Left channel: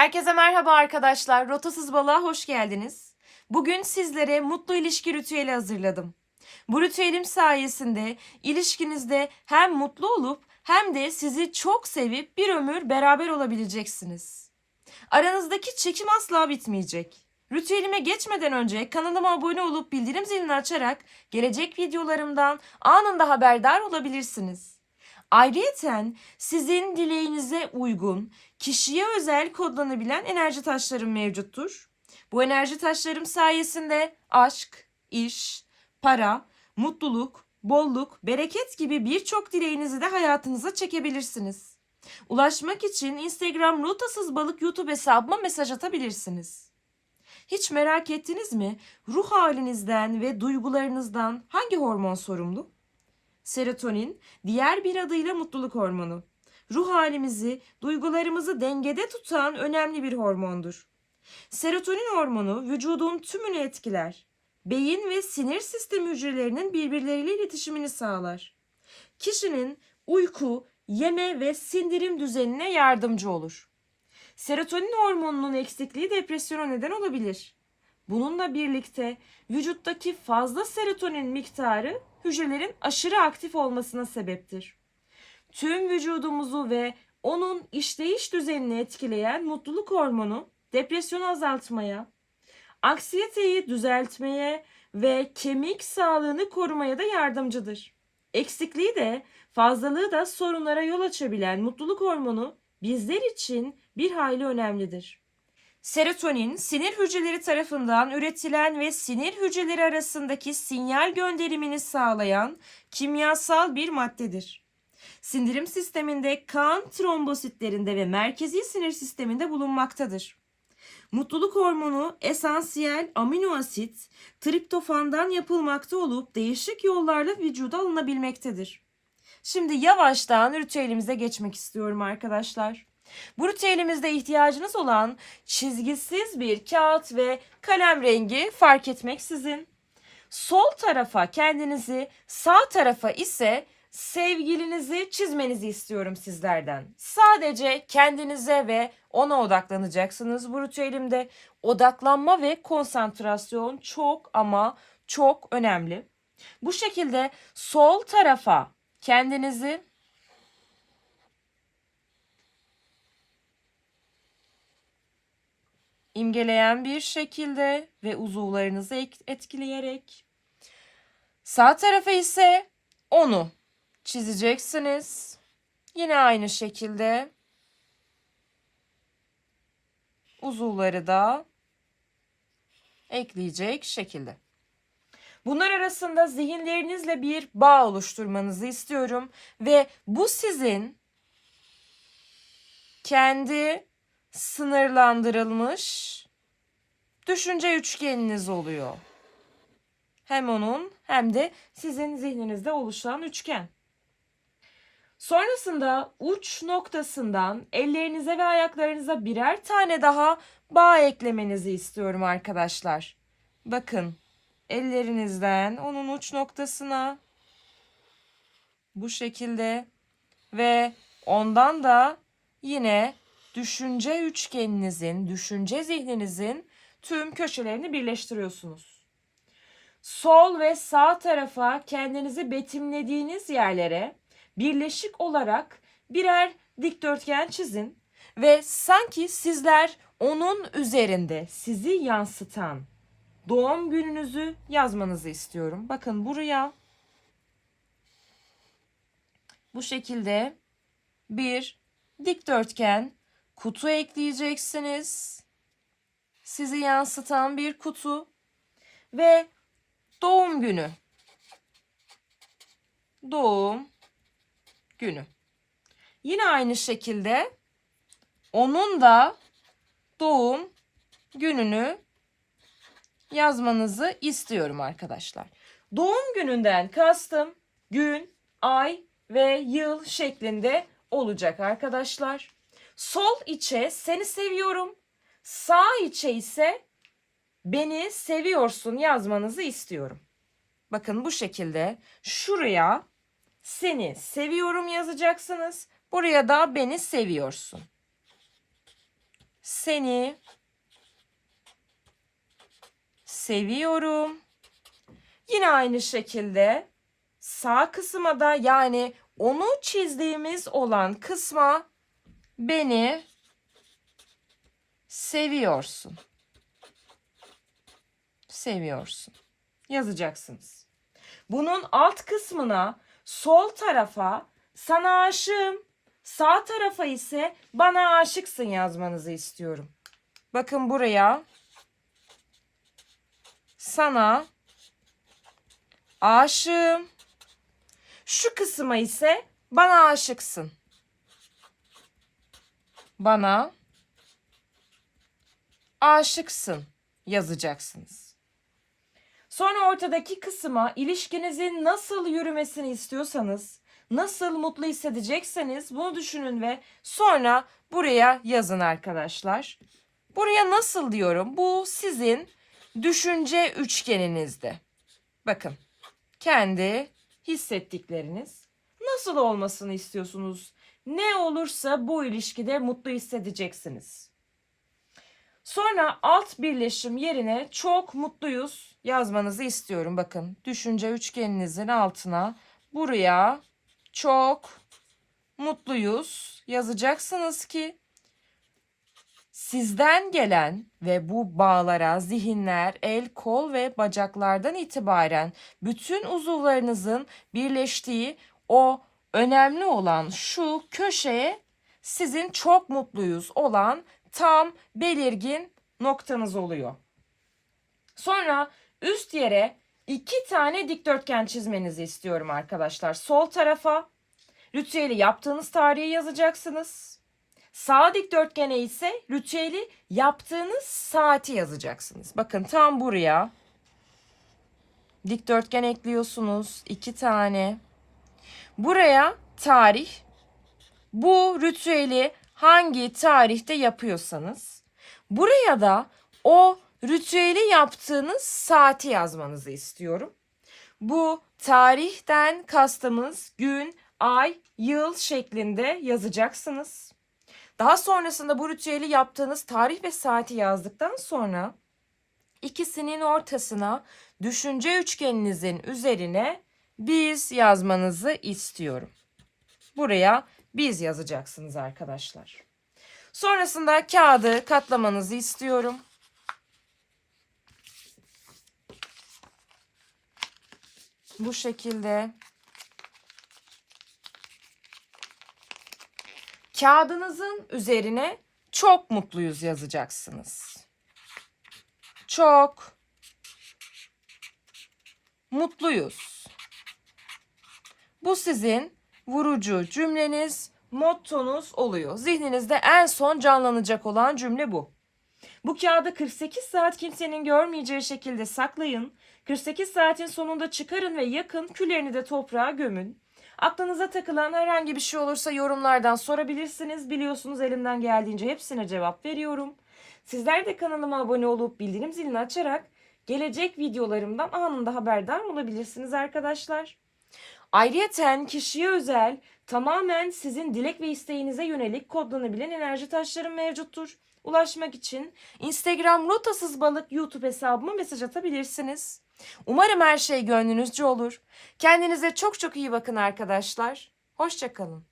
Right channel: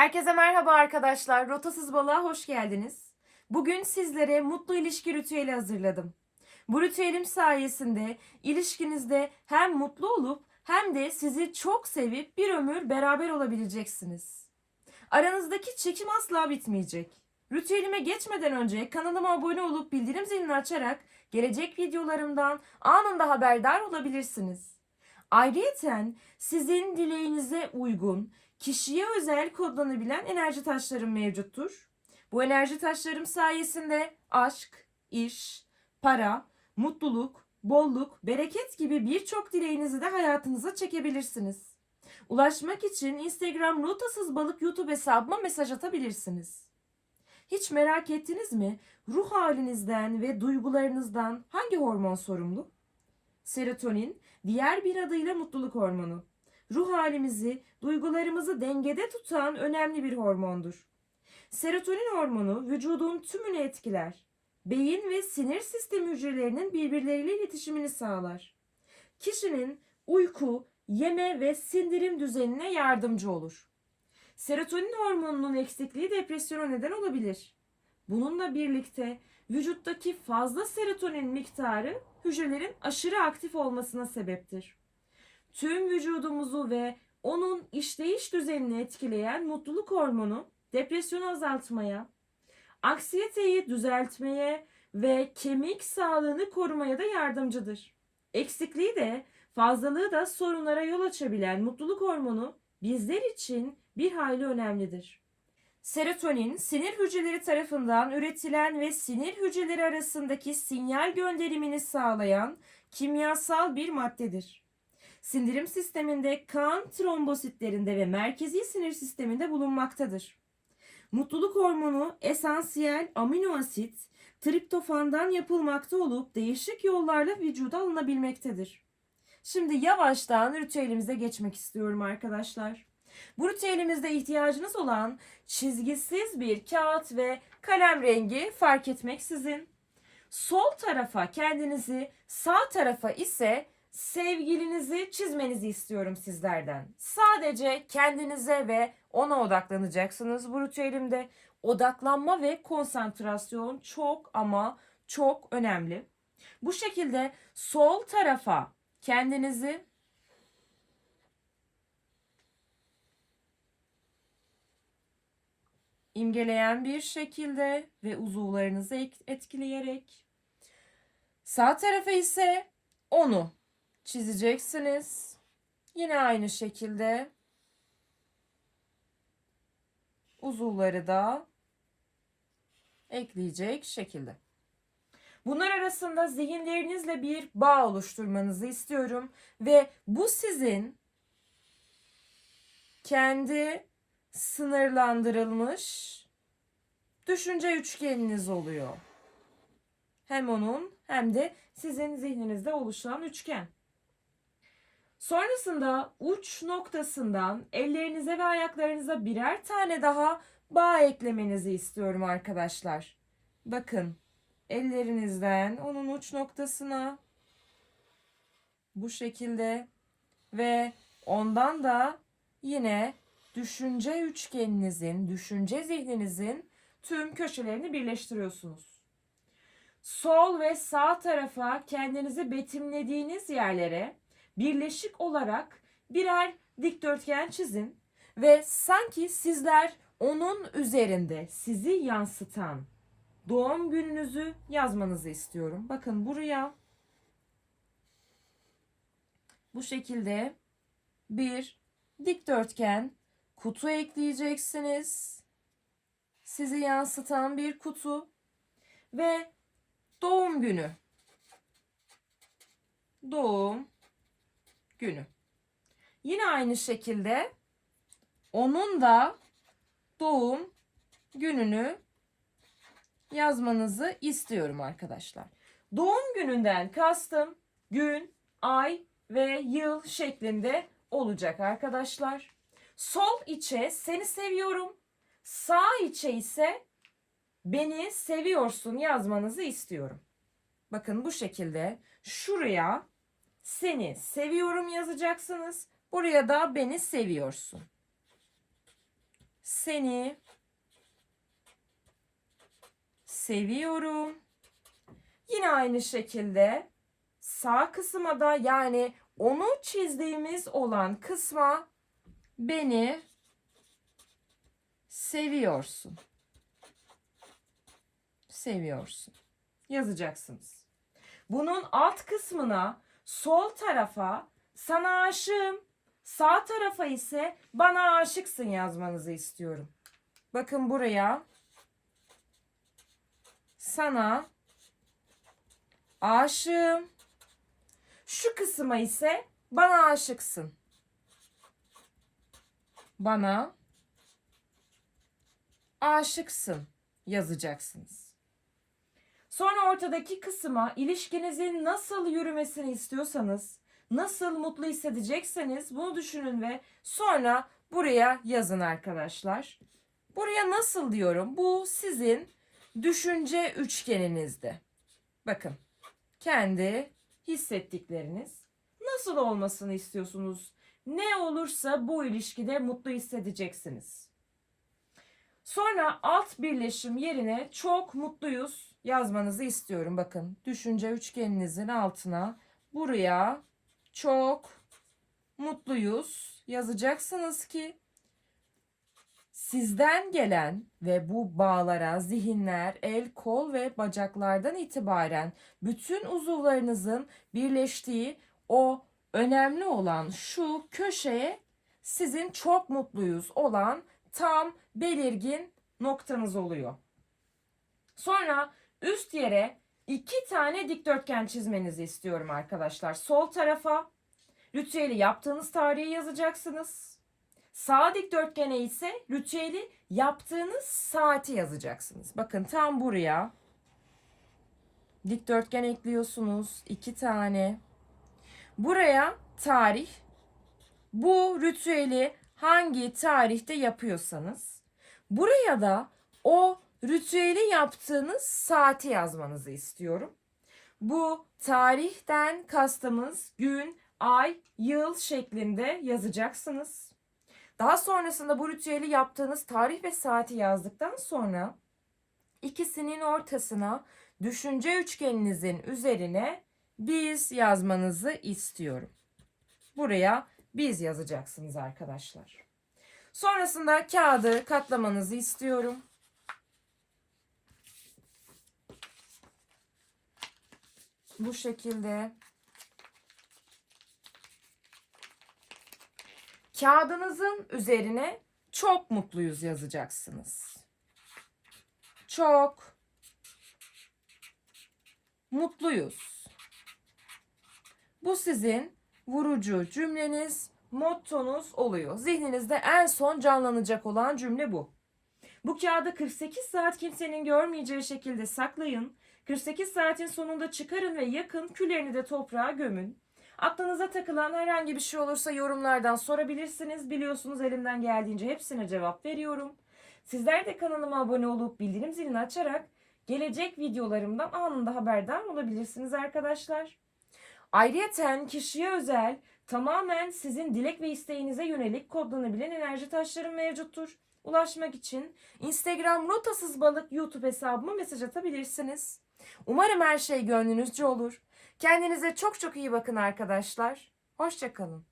Herkese merhaba arkadaşlar. Rotasız balığa hoş geldiniz. Bugün sizlere mutlu ilişki ritüeli hazırladım. Bu ritüelim sayesinde ilişkinizde hem mutlu olup hem de sizi çok sevip bir ömür beraber olabileceksiniz. Aranızdaki çekim asla bitmeyecek. Ritüelime geçmeden önce kanalıma abone olup bildirim zilini açarak gelecek videolarımdan anında haberdar olabilirsiniz. Ayrıyeten sizin dileğinize uygun, kişiye özel kodlanabilen enerji taşlarım mevcuttur. Bu enerji taşlarım sayesinde aşk, iş, para, mutluluk, bolluk, bereket gibi birçok dileğinizi de hayatınıza çekebilirsiniz. Ulaşmak için Instagram rotasız balık YouTube hesabıma mesaj atabilirsiniz. Hiç merak ettiniz mi? Ruh halinizden ve duygularınızdan hangi hormon sorumlu? Serotonin, diğer bir adıyla mutluluk hormonu. Ruh halimizi, duygularımızı dengede tutan önemli bir hormondur. Serotonin hormonu vücudun tümünü etkiler. Beyin ve sinir sistemi hücrelerinin birbirleriyle iletişimini sağlar. Kişinin uyku, yeme ve sindirim düzenine yardımcı olur. Serotonin hormonunun eksikliği depresyona neden olabilir. Bununla birlikte vücuttaki fazla serotonin miktarı hücrelerin aşırı aktif olmasına sebeptir. Tüm vücudumuzu ve onun işleyiş düzenini etkileyen mutluluk hormonu depresyonu azaltmaya, anksiyeteyi düzeltmeye ve kemik sağlığını korumaya da yardımcıdır. Eksikliği de fazlalığı da sorunlara yol açabilen mutluluk hormonu bizler için bir hayli önemlidir. Serotonin, sinir hücreleri tarafından üretilen ve sinir hücreleri arasındaki sinyal gönderimini sağlayan kimyasal bir maddedir. Sindirim sisteminde kan trombositlerinde ve merkezi sinir sisteminde bulunmaktadır. Mutluluk hormonu esansiyel amino asit triptofandan yapılmakta olup değişik yollarla vücuda alınabilmektedir. Şimdi yavaştan ritüelimize geçmek istiyorum arkadaşlar. Bu ritüelimizde ihtiyacınız olan çizgisiz bir kağıt ve kalem rengi fark etmeksizin. Sol tarafa kendinizi, sağ tarafa ise sevgilinizi çizmenizi istiyorum sizlerden. Sadece kendinize ve ona odaklanacaksınız bu ritüelimde. Odaklanma ve konsantrasyon çok ama çok önemli. Bu şekilde sol tarafa kendinizi imgeleyen bir şekilde ve uzuvlarınızı ek- etkileyerek sağ tarafa ise onu çizeceksiniz. Yine aynı şekilde uzuvları da ekleyecek şekilde. Bunlar arasında zihinlerinizle bir bağ oluşturmanızı istiyorum ve bu sizin kendi sınırlandırılmış düşünce üçgeniniz oluyor. Hem onun hem de sizin zihninizde oluşan üçgen. Sonrasında uç noktasından ellerinize ve ayaklarınıza birer tane daha bağ eklemenizi istiyorum arkadaşlar. Bakın ellerinizden onun uç noktasına bu şekilde ve ondan da yine düşünce üçgeninizin, düşünce zihninizin tüm köşelerini birleştiriyorsunuz. Sol ve sağ tarafa kendinizi betimlediğiniz yerlere birleşik olarak birer dikdörtgen çizin ve sanki sizler onun üzerinde sizi yansıtan doğum gününüzü yazmanızı istiyorum. Bakın buraya bu şekilde bir dikdörtgen kutu ekleyeceksiniz. Sizi yansıtan bir kutu ve doğum günü. Doğum günü. Yine aynı şekilde onun da doğum gününü yazmanızı istiyorum arkadaşlar. Doğum gününden kastım gün, ay ve yıl şeklinde olacak arkadaşlar. Sol içe seni seviyorum. Sağ içe ise beni seviyorsun yazmanızı istiyorum. Bakın bu şekilde şuraya seni seviyorum yazacaksınız. Buraya da beni seviyorsun. Seni seviyorum. Yine aynı şekilde sağ kısma da yani onu çizdiğimiz olan kısma beni seviyorsun. Seviyorsun. Yazacaksınız. Bunun alt kısmına sol tarafa sana aşığım, sağ tarafa ise bana aşıksın yazmanızı istiyorum. Bakın buraya sana aşığım. Şu kısma ise bana aşıksın. Bana aşıksın yazacaksınız. Sonra ortadaki kısma ilişkinizin nasıl yürümesini istiyorsanız, nasıl mutlu hissedecekseniz bunu düşünün ve sonra buraya yazın arkadaşlar. Buraya nasıl diyorum? Bu sizin düşünce üçgeninizde. Bakın kendi hissettikleriniz nasıl olmasını istiyorsunuz? Ne olursa bu ilişkide mutlu hissedeceksiniz. Sonra alt birleşim yerine çok mutluyuz yazmanızı istiyorum. Bakın düşünce üçgeninizin altına buraya çok mutluyuz yazacaksınız ki sizden gelen ve bu bağlara zihinler, el, kol ve bacaklardan itibaren bütün uzuvlarınızın birleştiği o önemli olan şu köşeye sizin çok mutluyuz olan tam belirgin noktanız oluyor. Sonra üst yere iki tane dikdörtgen çizmenizi istiyorum arkadaşlar. Sol tarafa ritüeli yaptığınız tarihi yazacaksınız. Sağ dikdörtgene ise ritüeli yaptığınız saati yazacaksınız. Bakın tam buraya dikdörtgen ekliyorsunuz. iki tane. Buraya tarih. Bu ritüeli hangi tarihte yapıyorsanız buraya da o ritüeli yaptığınız saati yazmanızı istiyorum. Bu tarihten kastımız gün, ay, yıl şeklinde yazacaksınız. Daha sonrasında bu ritüeli yaptığınız tarih ve saati yazdıktan sonra ikisinin ortasına düşünce üçgeninizin üzerine biz yazmanızı istiyorum. Buraya biz yazacaksınız arkadaşlar. Sonrasında kağıdı katlamanızı istiyorum. Bu şekilde. Kağıdınızın üzerine çok mutluyuz yazacaksınız. Çok mutluyuz. Bu sizin vurucu cümleniz, mottonuz oluyor. Zihninizde en son canlanacak olan cümle bu. Bu kağıdı 48 saat kimsenin görmeyeceği şekilde saklayın. 48 saatin sonunda çıkarın ve yakın, küllerini de toprağa gömün. Aklınıza takılan herhangi bir şey olursa yorumlardan sorabilirsiniz. Biliyorsunuz elimden geldiğince hepsine cevap veriyorum. Sizler de kanalıma abone olup bildirim zilini açarak gelecek videolarımdan anında haberdar olabilirsiniz arkadaşlar. Ayrıyeten kişiye özel tamamen sizin dilek ve isteğinize yönelik kodlanabilen enerji taşlarım mevcuttur. Ulaşmak için Instagram rotasız balık YouTube hesabıma mesaj atabilirsiniz. Umarım her şey gönlünüzce olur. Kendinize çok çok iyi bakın arkadaşlar. Hoşçakalın.